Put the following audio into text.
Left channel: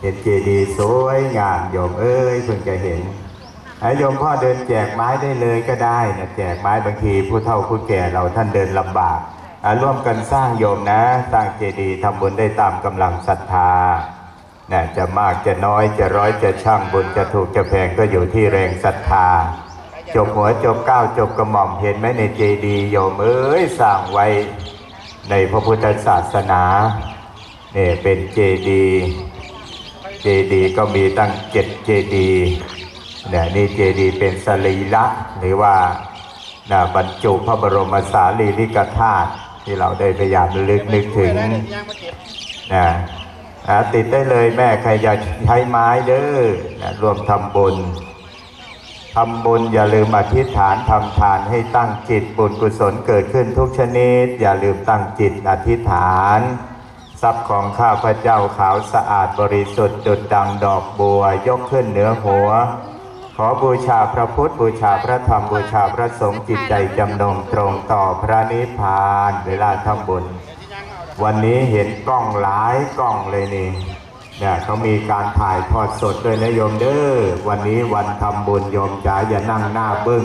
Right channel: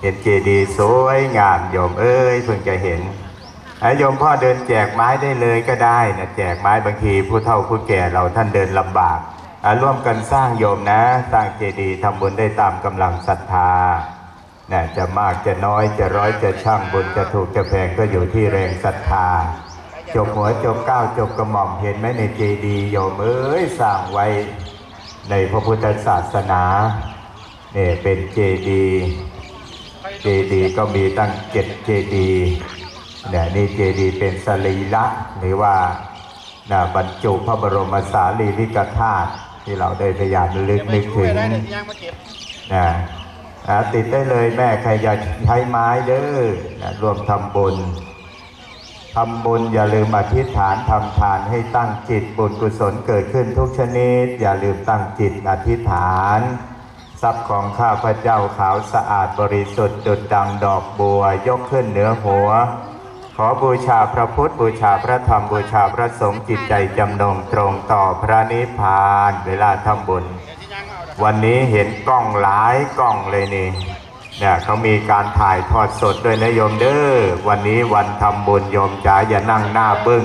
เห็นเจดีย์สวยงามโยมเอ้ยเพิ่งจะเห็นอะโยมพ่อเดินแจกไม้ได้เลยก็ได้นะแจกไม้บางทีผู้เฒ่าผู้แก่เราท่านเดินลำบากร่วมกันสร้างโยมนะ สร้างเจดีย์ทำบุญได้ตามกำลังศรัทธานะจะมากจะน้อยจะร้อยจะช่างบุญจะถูกจะแพงก็อยู่ที่แรงศรัทธาจบหัวจบก้าวจบกระหม่อมเห็นไหมในเจดีย์โยมเอ้ยสร้างไว้ในพระพุทธศาสนาเนี่ยเป็นเจดีย์ เจดีก็มีตั้งเจ็ดเจดีเนี่ยนี่เจดีเป็นสรีระหรือว่านะบรรจุพระบรมสารีริกธาตุที่เราได้พยายามลึกนึกถึงนะอ่ติดได้เลยแม่ใครอยากใช้ไม้เด้อนะรวมทำบุญทำบุญอย่าลืมอธิษฐานทำทานให้ตั้งจิตบุญกุศลเกิดขึ้นทุกชนิด อย่าลืมตั้งจิตอธิษฐาน ทรัพย์ของข้าพเจ้าขาวสะอาดบริสุทธิ์ดุดดังดอกบัวยกขึ้นเหนือหัว ขอบูชาพระพุทธบูชาพระธรรมบูชาพระสงฆ์จิตใจจำนงตรงต่อพระนิพพานเวลาทำบุญ วันนี้เห็นกล้องหลายกล้องเลยนี่เนี่ยเขามีการถ่ายทอดสดด้วยนะโยมเด้อวันนี้วันทำบุญโยมจ๋าอย่านั่งหน้าบึ้ง